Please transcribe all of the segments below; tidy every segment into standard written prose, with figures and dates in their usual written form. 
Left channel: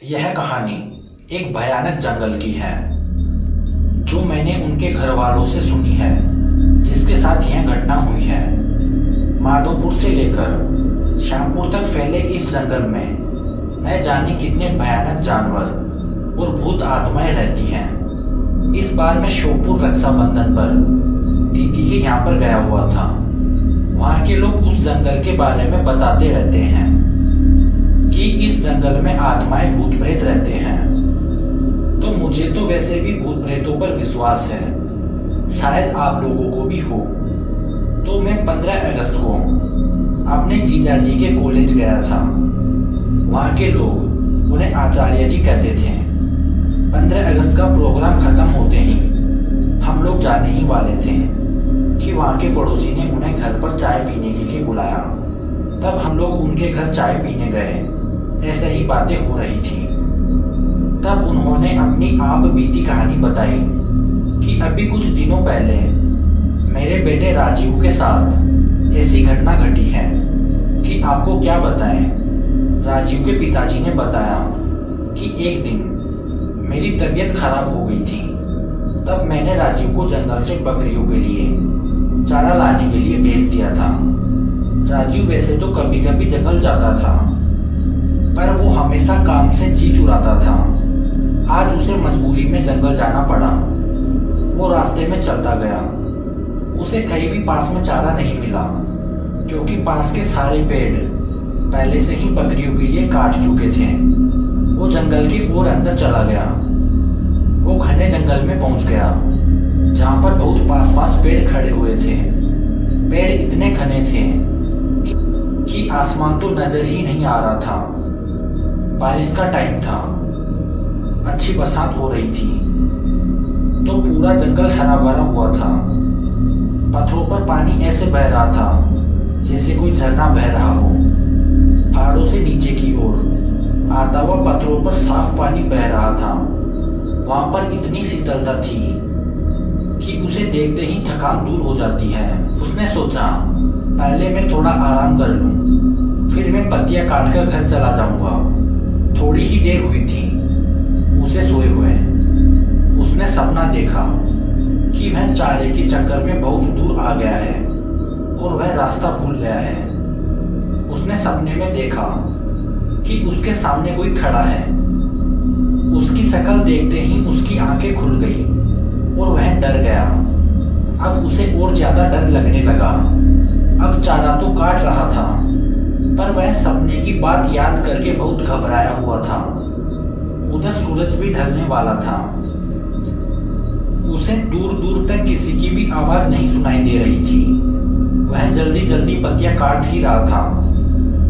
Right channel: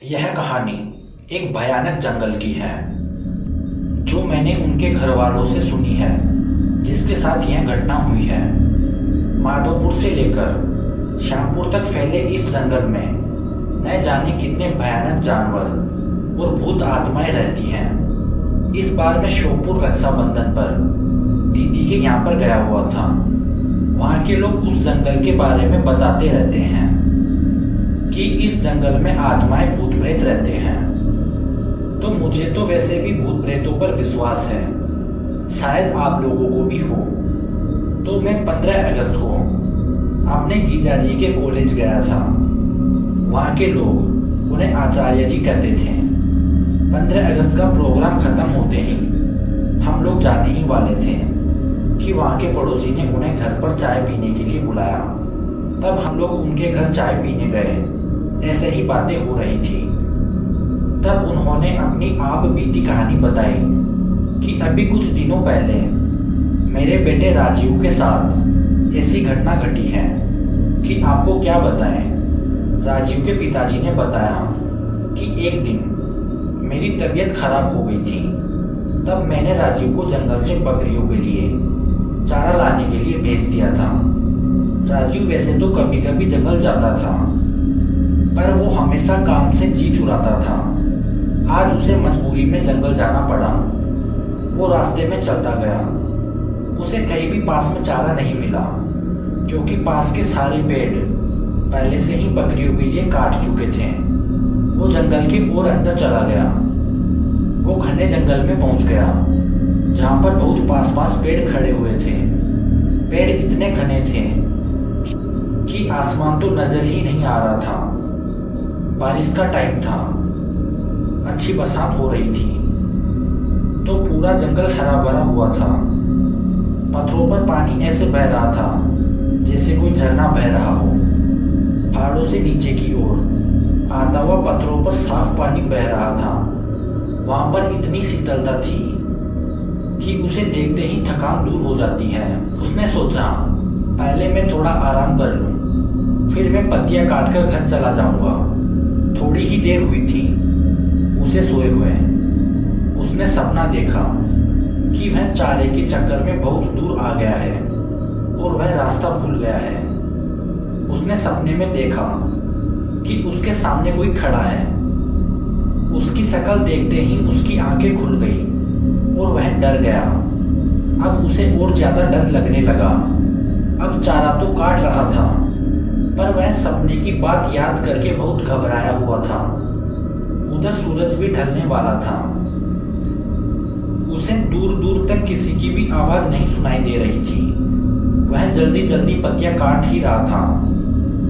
यह कहानी एक भयानक जंगल की है जो मैंने उनके घर वालों से सुनी है, जिसके साथ यह घटना हुई है। माधोपुर से लेकर श्यामपुर तक फैले इस जंगल में न जाने कितने भयानक जानवर और भूत आत्माएं रहती हैं। इस बार मैं श्योपुर रक्षाबंधन पर दीदी के यहाँ पर गया हुआ था। वहाँ के लोग उस जंगल के बारे में बताते रहते हैं कि इस जंगल में आत्माएं भूत प्रेत रहते हैं। तो मुझे तो वैसे भी भूत प्रेतों पर विश्वास है, शायद आप लोगों को भी हो। तो मैं 15 अगस्त को अपने जीजाजी के कॉलेज गया था। वहाँ के लोग उन्हें आचार्य जी कहते थे। 15 अगस्त का प्रोग्राम खत्म होते ही हम लोग जाने ही वाले थे कि वहाँ के पड़ोसी ने उन्हें घर पर चाय पीने के लिए बुलाया। तब हम लोग उनके घर चाय पीने गए। ऐसे ही बातें हो रही थी। तब उन्होंने अपनी आप बीती कहानी बताई कि अभी कुछ दिनों पहले मेरे बेटे राजीव के साथ ऐसी घटना घटी है कि आपको क्या बताएं। राजीव के पिताजी ने बताया कि एक दिन मेरी तबीयत खराब हो गई थी। तब मैंने राजीव को जंगल से बकरियों के लिए चारा लाने के लिए भेज दिया था। राजीव वैसे तो कभी कभी जंगल जाता था, पर वो हमेशा काम से जी चुराता था। आज उसे मजबूरी में जंगल जाना पड़ा। वो रास्ते में चलता गया। उसे कहीं भी पास में चारा नहीं मिला, क्योंकि पास के सारे पेड़ पहले से ही बकरियों के लिए काट चुके थे। वो जंगल के और अंदर चला गया। वो घने जंगल में पहुंच गया, जहां पर बहुत पास पास पेड़ खड़े हुए थे। पेड़ इतने घने थे कि आसमान तो नजर ही नहीं आ रहा था। बारिश का टाइम था, अच्छी बरसात हो रही थी, तो पूरा जंगल हरा भरा हुआ था। पत्थरों पर पानी ऐसे बह रहा था जैसे कोई झरना बह रहा हो। पहाड़ों से नीचे की ओर आता हुआ पत्थरों पर साफ पानी बह रहा था। वहां पर इतनी शीतलता थी कि उसे देखते ही थकान दूर हो जाती है। उसने सोचा पहले मैं थोड़ा आराम कर लूं, फिर मैं पत्तियां काटकर घर चला जाऊंगा। थोड़ी ही देर हुई थी उसे सोए हुए। उसने सपना देखा कि वह चारे के चक्कर में बहुत दूर आ गया है और वह रास्ता भूल गया है। उसने सपने में देखा कि उसके सामने कोई खड़ा है। उसकी शक्ल देखते ही उसकी आंखें खुल गई और वह डर गया। अब उसे और ज्यादा डर लगने लगा। अब चारा तो काट रहा था, पर वह सपने की बात याद करके बहुत घबराया हुआ था। उधर सूरज भी ढलने वाला था। उसे दूर दूर तक किसी की भी आवाज नहीं सुनाई दे रही थी। वह जल्दी जल्दी पत्तियां काट ही रहा था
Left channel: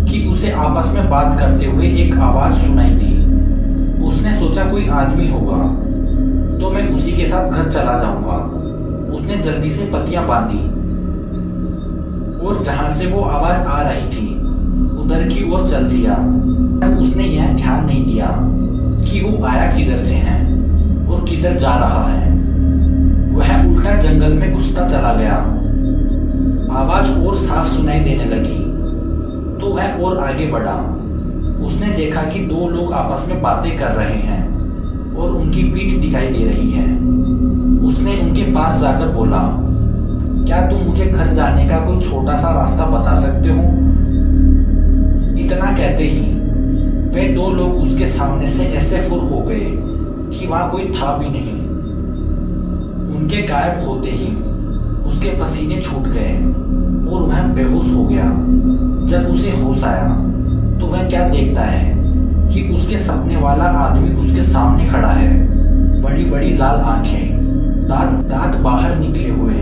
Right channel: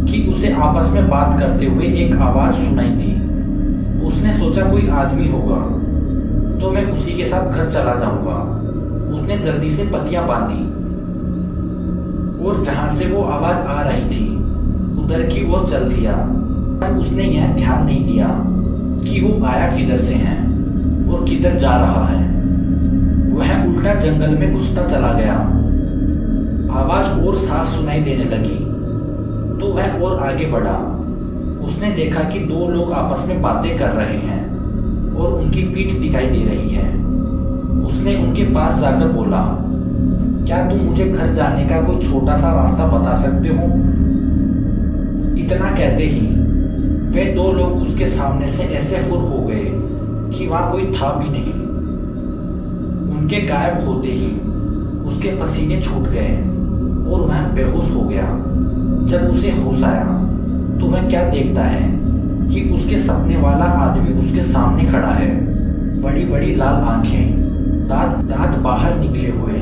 कि उसे आपस में बात करते हुए एक आवाज सुनाई दी। उसने सोचा कोई आदमी होगा, तो मैं उसी के साथ घर चला जाऊंगा। उसने जल्दी से पत्तियां बांधी और जहां से वो आवाज आ रही थी उधर की ओर चल दिया। पर उसने यह ध्यान नहीं दिया कि वो आया किधर से है और किधर जा रहा है। वह उल्टा जंगल में घुसता चला गया। आवाज और साफ सुनाई देने लगी, तो वह और आगे बढ़ा। उसने देखा कि दो लोग आपस में बातें कर रहे हैं और उनकी पीठ दिखाई दे रही है। उसने उनके पास जाकर बोला, क्या तुम मुझे घर जाने का कोई छोटा सा रास्ता बता सकते हो? इतना कहते ही वे दो लोग उसके सामने से ऐसे फुर हो गए कि वहां कोई था भी नहीं। उनके गायब होते ही उसके पसीने छूट गए और वह बेहोश हो गया। जब उसे होश आया तो वह क्या देखता है कि उसके सपने वाला आदमी उसके सामने खड़ा है। बड़ी बड़ी लाल आंखें, दांत बाहर निकले हुए,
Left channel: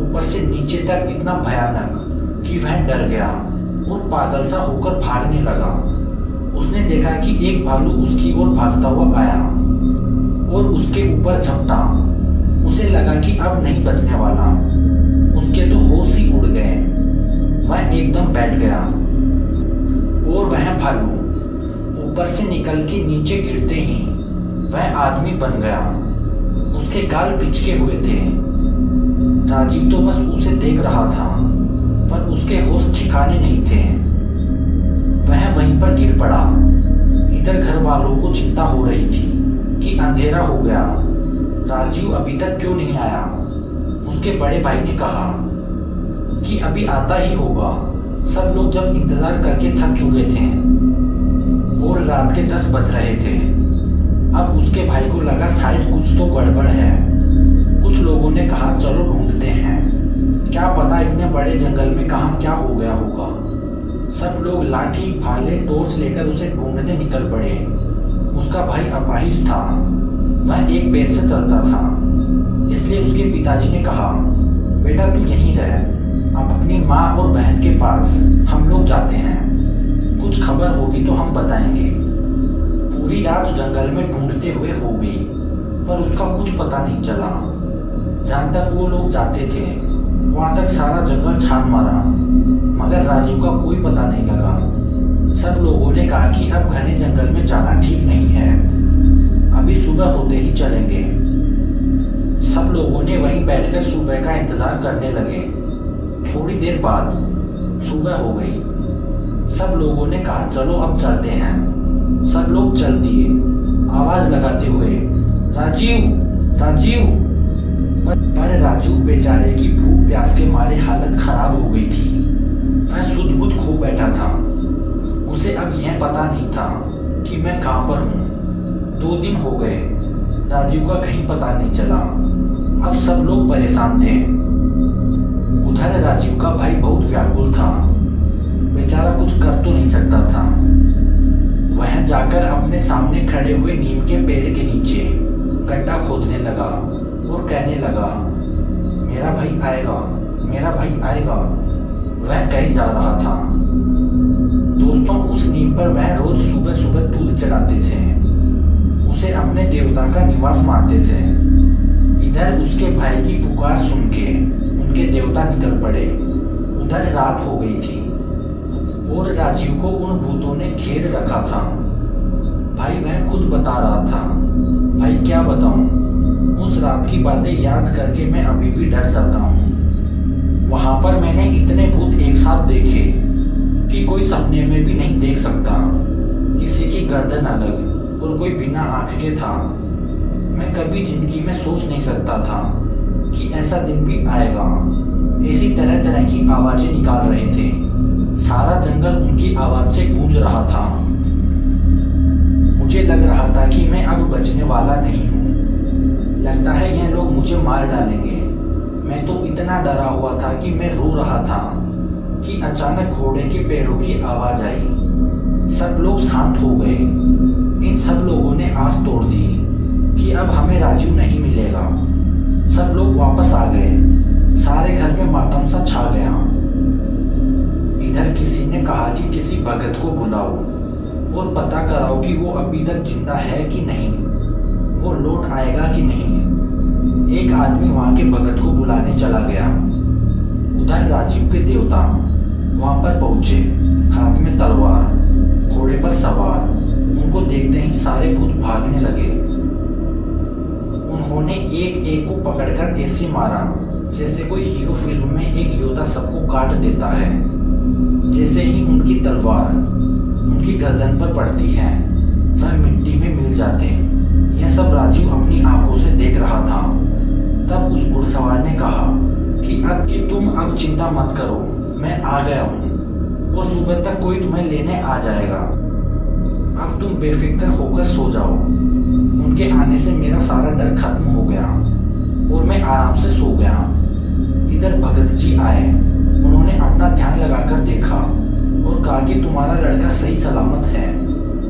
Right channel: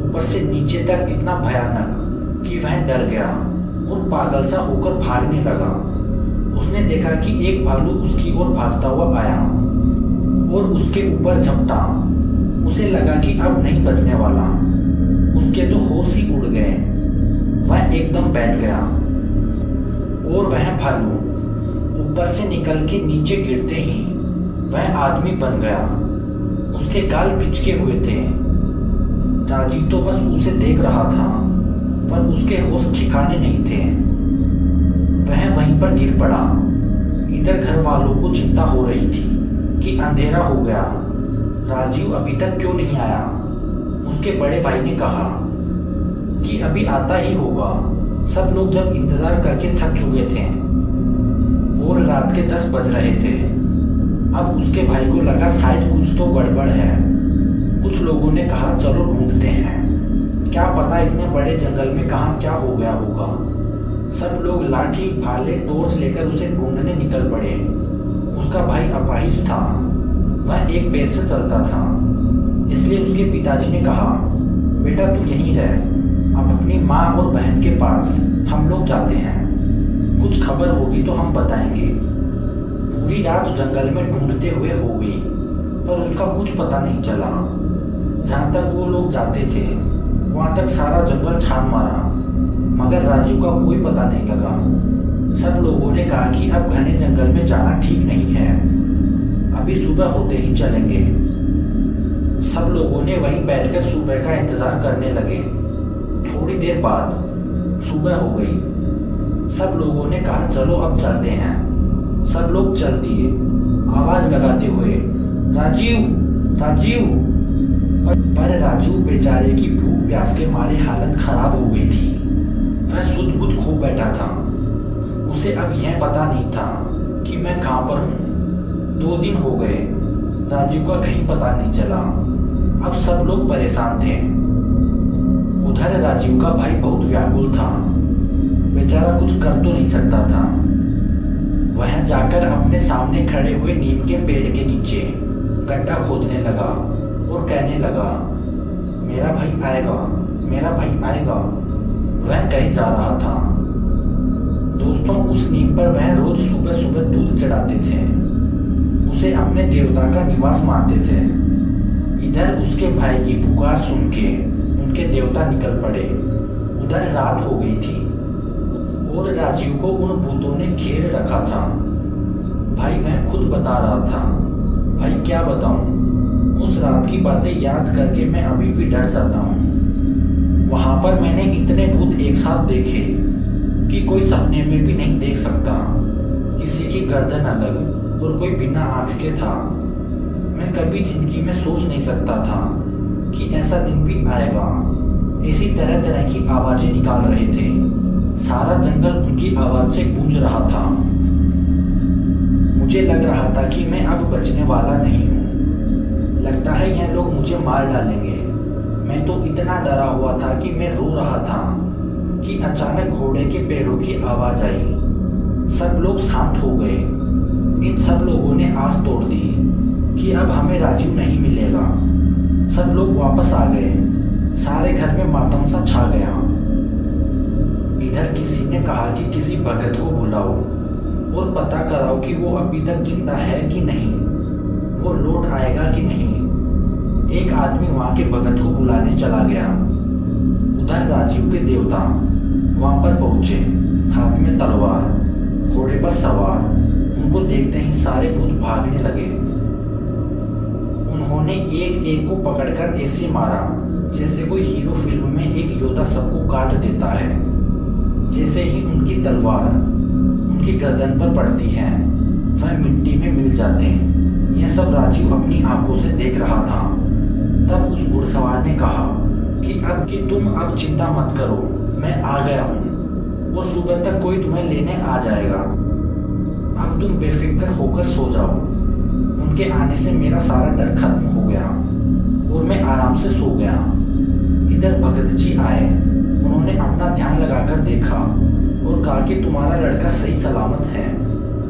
ऊपर से नीचे तक इतना भयानक कि वह डर गया और पागल सा होकर भागने लगा। उसने देखा कि एक भालू उसकी ओर भागता हुआ आया और उसके ऊपर झपटा। उसे लगा कि अब नहीं बचने वाला। उसके तो होश ही उड़ गए। वह एकदम बैठ गया और वह भालू ऊपर से निकल के नीचे गिरते ही वह आदमी बन गया। उसके गाल पिचके हुए थे। राजीव तो बस उसे देख रहा था, पर उसके होश ठिकाने नहीं थे। वह वहीं पर गिर पड़ा। इधर घर वालों को चिंता हो रही थी कि अंधेरा हो गया, राजीव अभी तक क्यों नहीं आया। उसके बड़े भाई ने कहा कि अभी आता ही होगा। सब लोग जब इंतजार करके थक चुके थे और रात के 10 बज रहे थे। अब उसके भाई को लगा शायद कुछ तो गड़बड़ है। कुछ लोगों ने कहा चलो ढूंढते हैं, क्या पता इतने बड़े जंगल में कहाँ क्या हो गया होगा। सब लोग लाठी भाले टॉर्च लेकर उसे ढूंढने निकल पड़े। उसका भाई अपाहिज था, वह एक पैर से चलता था, इसलिए उसके पिताजी ने कहा बेटा तू यहीं रह, अब अपनी माँ और बहन के पास, हम लोग जाते हैं, कुछ खबर होगी तो हम बताएंगे। पूरी रात जंगल में ढूंढते हुए हो गई पर उसका कुछ पता नहीं चला। जहाँ तक वो लोग जाते थे वहाँ तक सारा जंगल छान मारा मगर राजीव का कोई पता नहीं लगा। सब लोगों ने कहा कि अब घने जंगल में जाना ठीक नहीं है, अभी सुबह होते ही चलेंगे। सब लोगों ने वहीं बैठकर सुबह का इंतजार करने लगे। थोड़ी देर बाद सुबह हो गई। सब लोगों ने कहा चलो अब चलते हैं। सब लोग चल दिए आवाज लगाते हुए राजीव राजीव। पर राजू बेचारे की भूख प्यास के मारे हालत खराब हो गई थी। वह सुध बुध खो बैठा था। उसे अब यह पता नहीं था कि मैं कहाँ पर हूँ। 2 दिन हो गए, राजीव का कहीं पता नहीं चला। अब सब लोग परेशान थे। उधर राजीव का भाई बहुत व्याकुल था, बेचारा कुछ कर तो नहीं सकता था। वह जाकर अपने सामने खड़े हुए नीम के पेड़ के नीचे गड्ढा खोदने लगा और कहने लगा मेरा भाई आएगा, मेरा भाई आएगा। वह कहीं जा रहा था। दोस्तों उस नीम पर वह रोज सुबह सुबह दूध चढ़ाते थे, उसे अपने देवता का निवास मानते थे। इधर उसके भाई की पुकार सुन के उनके देवता निकल पड़े। उधर रात हो गई थी और राजीव को उन भूतों ने घेर रखा था। भाई वह खुद बता रहा था, भाई क्या बताऊं, उस रात की बातें याद करके मैं अभी भी डर जाता हूँ। वहां पर मैंने इतने भूत एक साथ देखे कि कोई सपने में भी नहीं देख सकता। किसी की गर्दन अलग और कोई बिना आंख के था। मैं कभी जिंदगी में सोच नहीं सकता था कि ऐसा दिन भी आएगा। ऐसी तरह तरह की आवाजें निकाल रहे थे। सारा जंगल उनकी आवाज से गूंज रहा था। मुझे लग रहा था कि मैं अब बचने वाला नहीं हूँ। लगता है यह लोग मुझे मार डालेंगे। मैं तो इतना डरा हुआ था कि मैं रो रहा था कि अचानक घोड़े के पैरों की आवाज आई। सब लोग शांत हो गए। इन सब लोगों ने आस तोड़ दी कि अब हमें राजीव नहीं मिलेगा। सब लोग वापस आ गए। सारे घर में मातम सा छा गया। इधर किसी ने कहा कि किसी भगत को बुलाओ और पता कराओ कि वो अभी तक जिंदा है कि नहीं, वो लौट आएगा कि नहीं। एक आदमी वहां के भगत को बुलाने चला गया। उधर राजीव के देवता वहां पर पहुंचे, हाथ में तलवार, घोड़े पर सवार। उनको देखते ही सारे भूत भागने लगे। उन्होंने एक एक को पकड़कर ऐसे मारा जैसे कोई हीरो फिल्म में एक योद्धा सबको काट देता है। जैसे ही उनकी तलवार उनकी गर्दन पर पड़ती है वह मिट्टी में मिल जाते हैं। यह सब राजीव अपनी आंखों से देख रहा था। तब उस घुड़सवार ने कहा कि तुम अब चिंता मत करो, मैं आ गया हूँ और सुबह तक कोई तुम्हें लेने आ जाएगा। अब तुम बेफिक्र होकर सो जाओ। उनके आने से मेरा सारा डर खत्म हो गया और मैं आराम से सो गया। इधर भगत जी आए। उन्होंने अपना ध्यान लगाकर देखा और कहा कि तुम्हारा लड़का सही सलामत है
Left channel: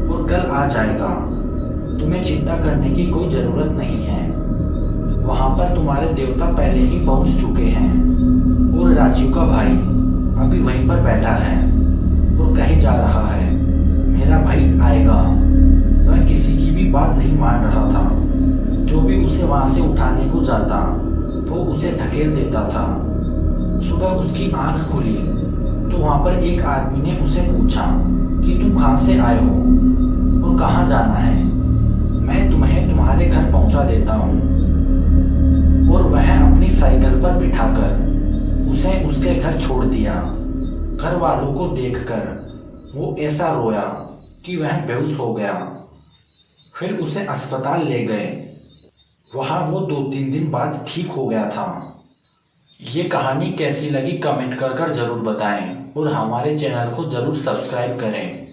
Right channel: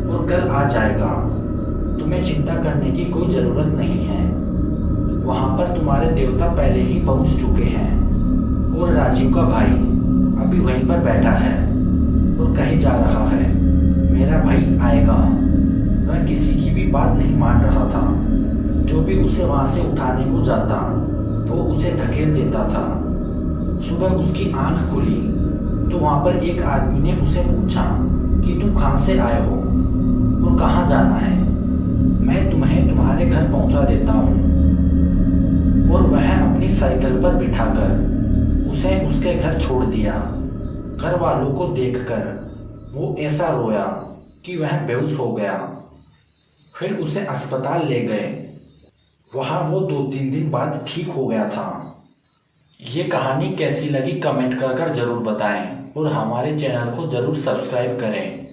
और कल आ जाएगा। तुम्हें चिंता करने की कोई जरूरत नहीं है। वहां पर तुम्हारे देवता पहले ही पहुंच चुके हैं और राजीव का भाई अभी वहीं पर बैठा है और कहे जा रहा है मेरा भाई आएगा। वह किसी की भी बात नहीं मान रहा था। जो भी उसे वहां से उठाने को जाता वो उसे धकेल देता था। सुबह उसकी आंख खुली तो वहां पर एक आदमी ने उसे पूछा कि तुम कहाँ से आए हो और कहाँ जाना है। मैं तुम्हें तुम्हारे घर पहुंचा देता हूँ। और वह अपनी साइकिल पर बिठाकर उसे उसके घर छोड़ दिया। घर वालों को देखकर वो ऐसा रोया कि वह बेहोश हो गया। फिर उसे अस्पताल ले गए। वहाँ वो 2-3 दिन बाद ठीक हो गया था। ये कहानी कैसी लगी कमेंट कर ज़रूर बताएं और हमारे चैनल को ज़रूर सब्सक्राइब करें।